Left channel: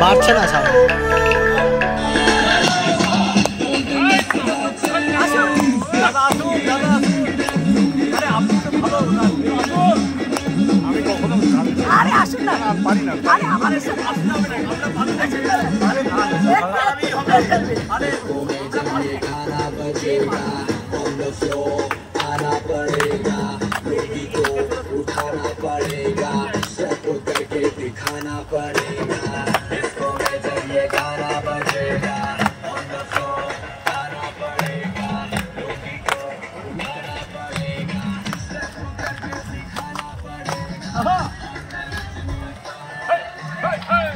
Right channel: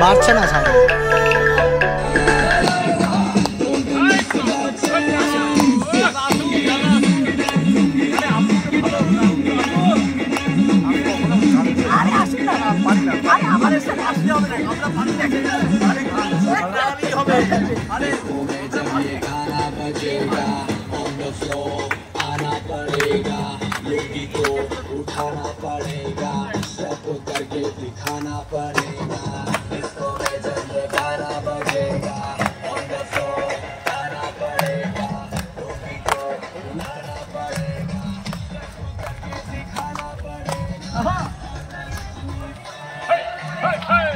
বাড়ছে না ছায়া। उठाना पड़ेगा, सबको करके दिखाना पड़ेगा, इसको जब ये गाना बजेगा, on the floor आना पड़ेगा, मुर्गी को उठाना पड़ेगा, सबको करके दिखाना पड़ेगा। Hey, hey, hey!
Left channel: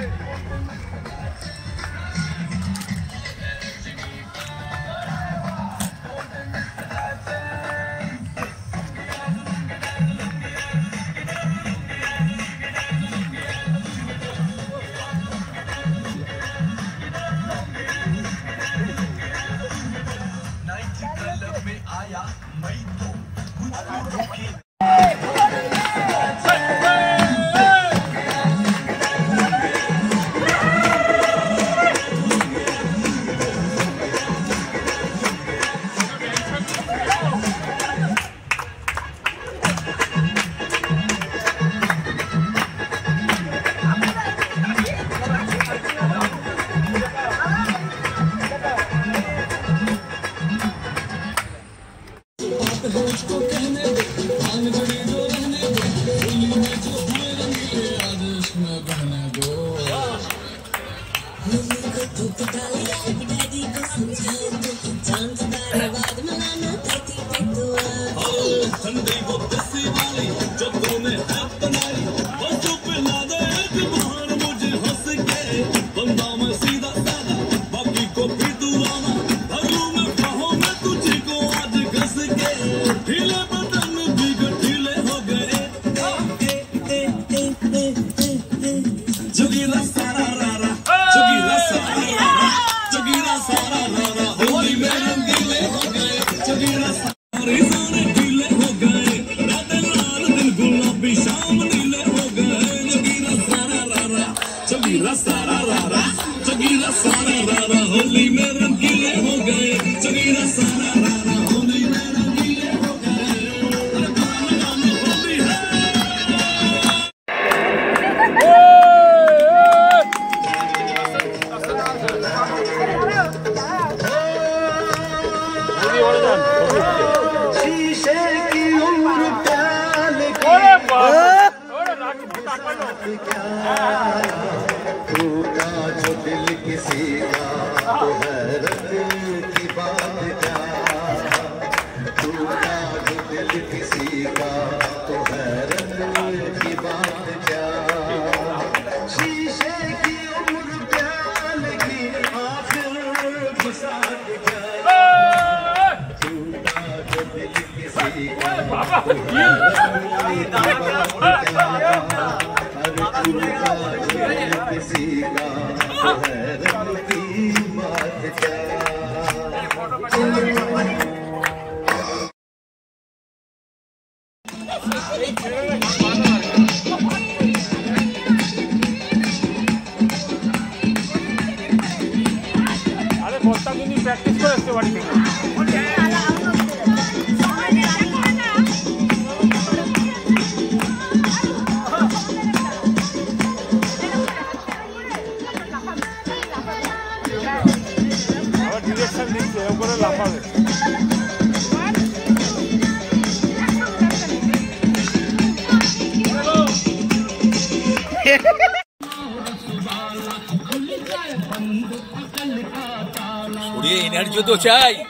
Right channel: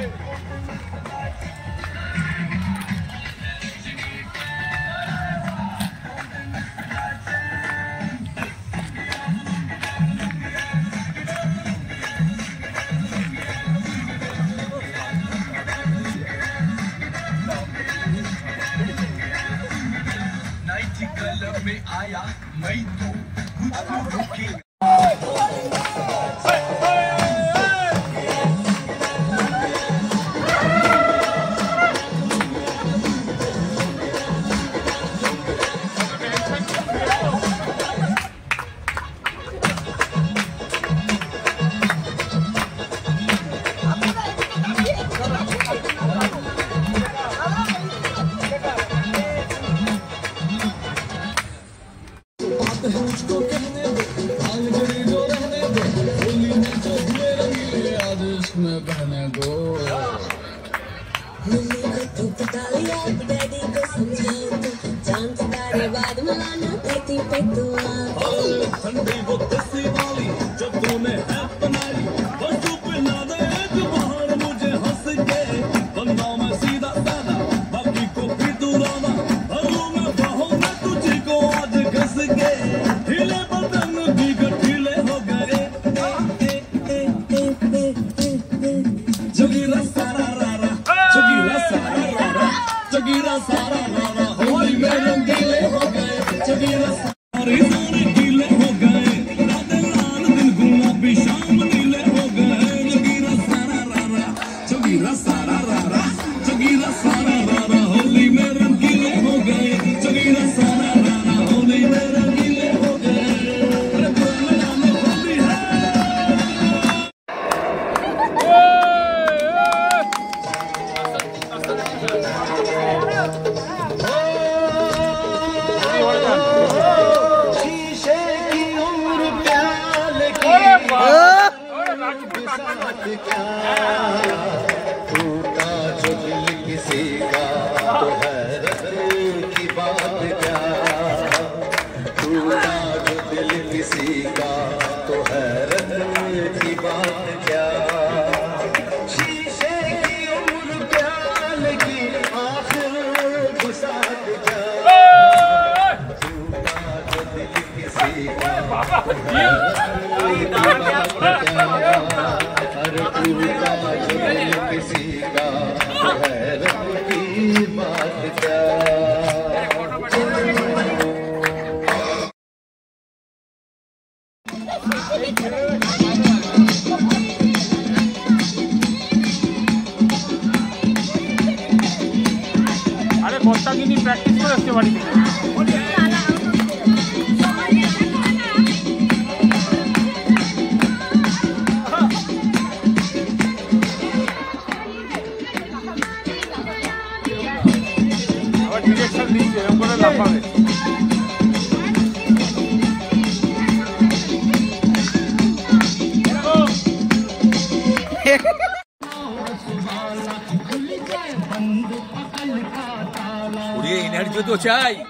एनर्जी तो चाहिए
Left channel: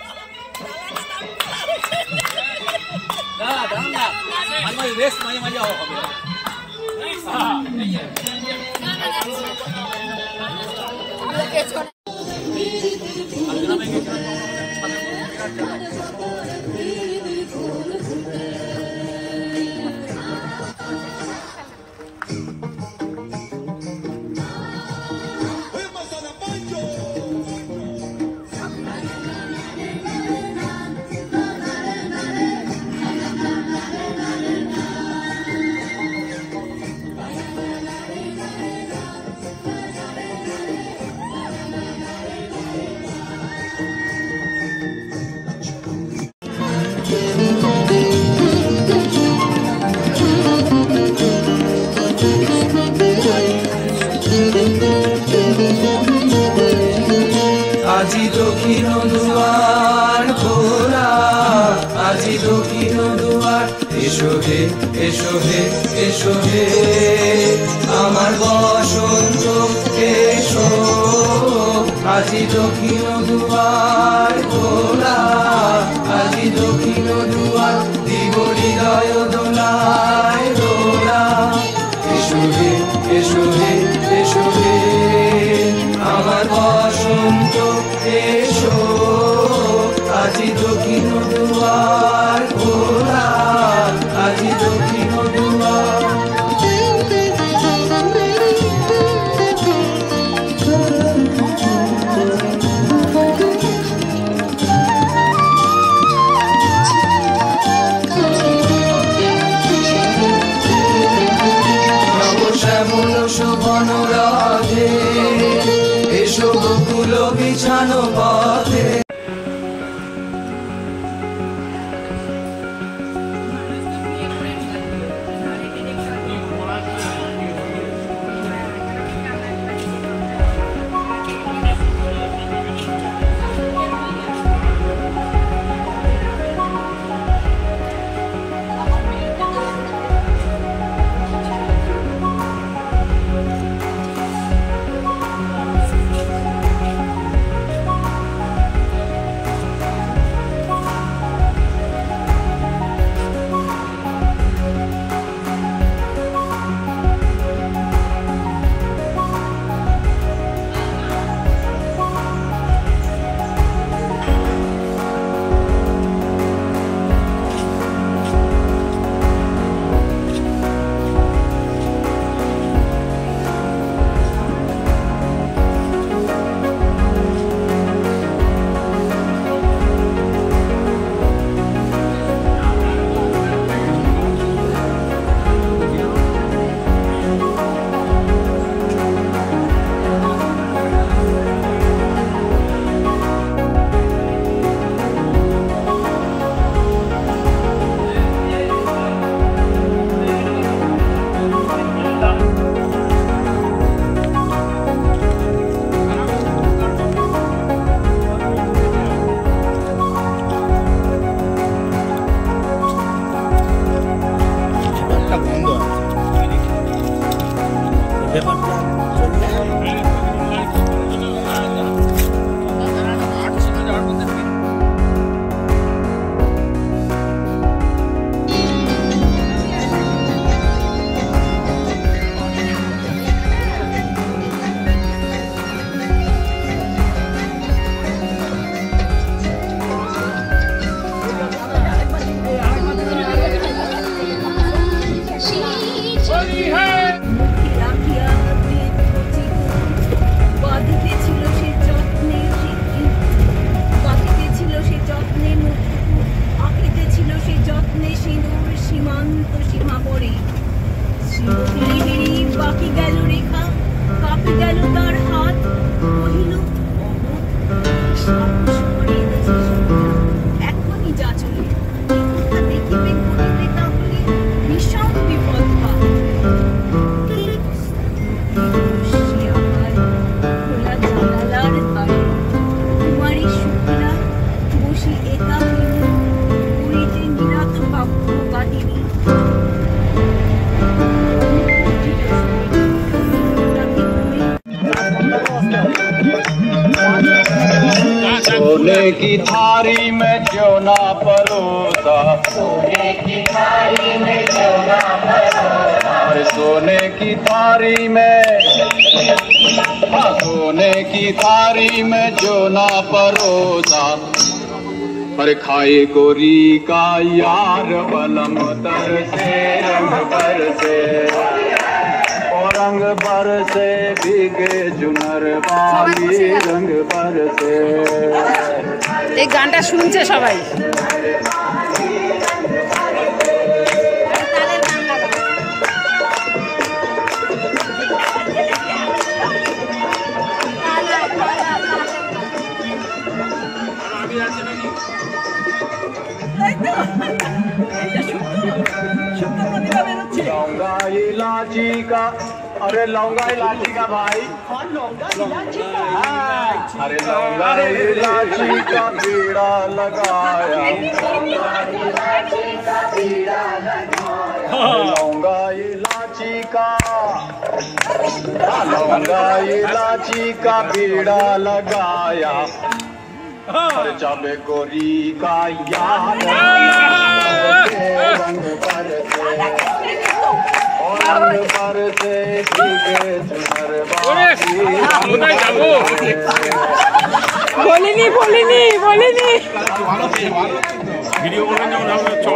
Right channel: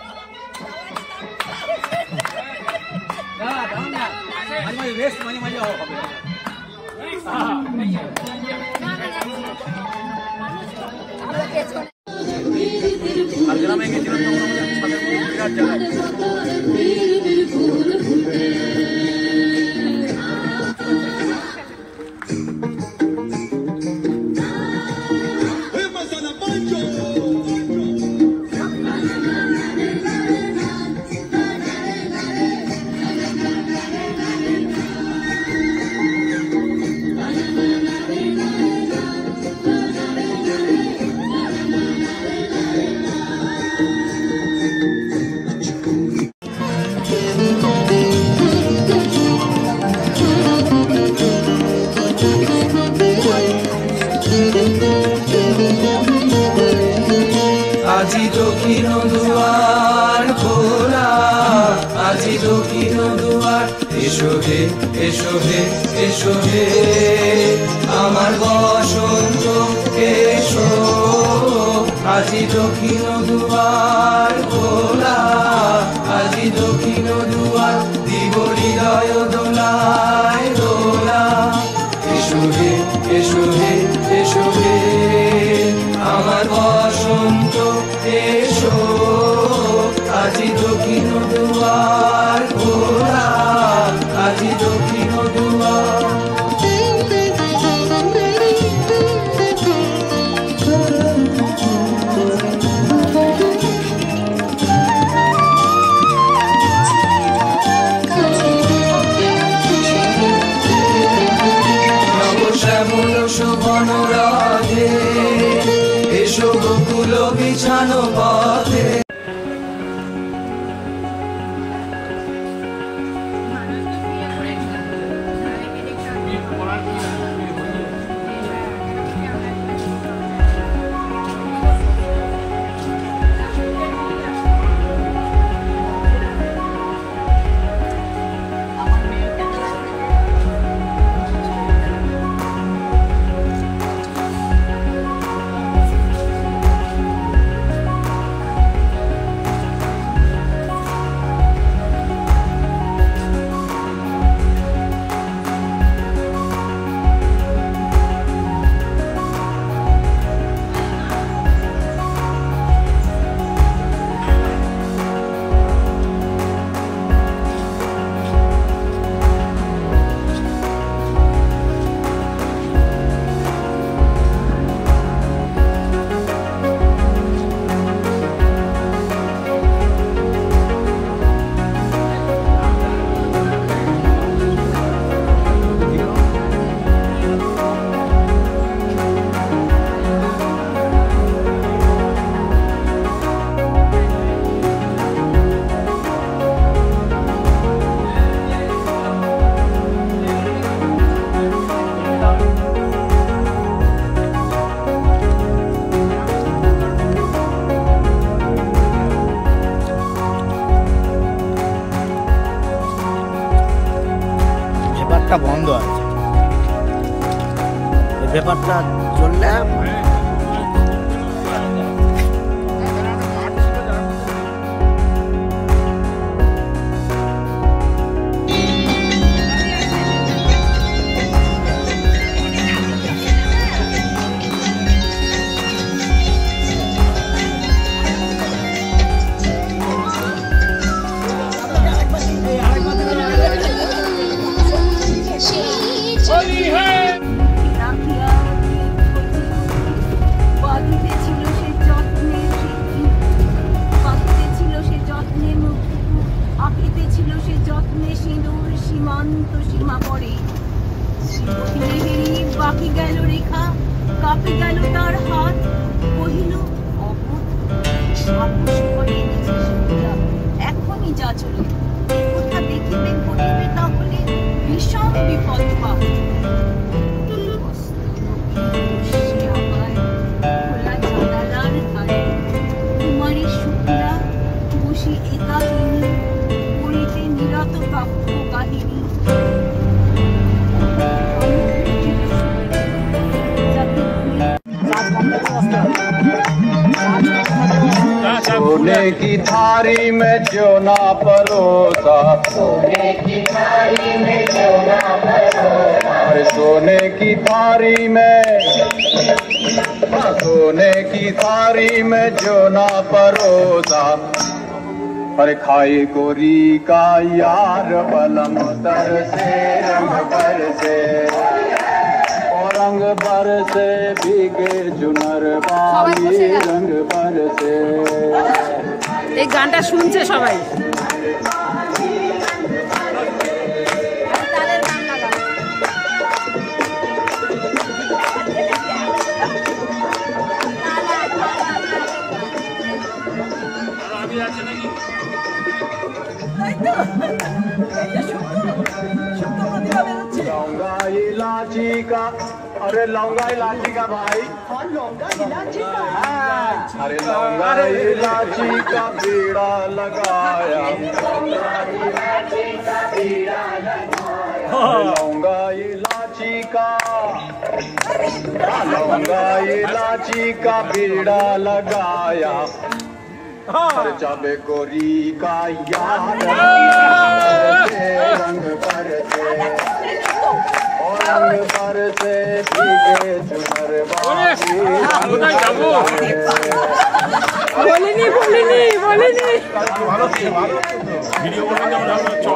रेस्ट मजा দক্ষিণ দুয়ার খোলা, আজি দক্ষিণ দুয়ার। এসো হে এসো হে এসো হে আমার বসন্ত এসো, আজি দক্ষিণ দুয়ার খোলা, আজি দক্ষিণ দুয়ার। দিব হৃদয় দোলায় দোলা, এসো হে এসো হে এসো হে আমার বসন্ত এসো, আজি দক্ষিণ দুয়ার খোলা, আজি দক্ষিণ দুয়ার। শ্যামল শোভন রাধে, এসো গোকুল বিছানো পথে। বন্ধ আছে ব্যাপারটা চললে বাকি গেল রেখা, কাঁপি গেল তার হাত, কহিল এখনই যা চলে কথা দেখিবে বলিবে তাহলে ভীষণ বিপদ পাব। জানালার ধারে কুমারী শুক্লা বসি একাকিনী করিতে নিরাত কাব্য কাহিনী। सोने की थारी में क्यों ना परोसा, सोने की थारी में क्यों ना परोसा, और सोने की थारी में, सोने की थारी में जो ना परोसा, पर खाए गोरी का यार बलम तर से रंग पर से, और रंग पर से भीगे चुनर बाली रंग पर से। এই গানটা শুনছে সবাই। लौंगा इलायची का, अरे लौंगा इलायची का भाई, लौंगा इलायची का, अरे लौंगा इलायची का बीड़ा लगाया, लौंगा इलायची का बीड़ा लगाया, हर चाबे गोरी का यार रंग पर से भीगे चुनर बोलिनी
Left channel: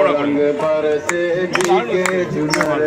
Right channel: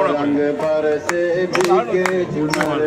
रंग पर से भीगे चुनर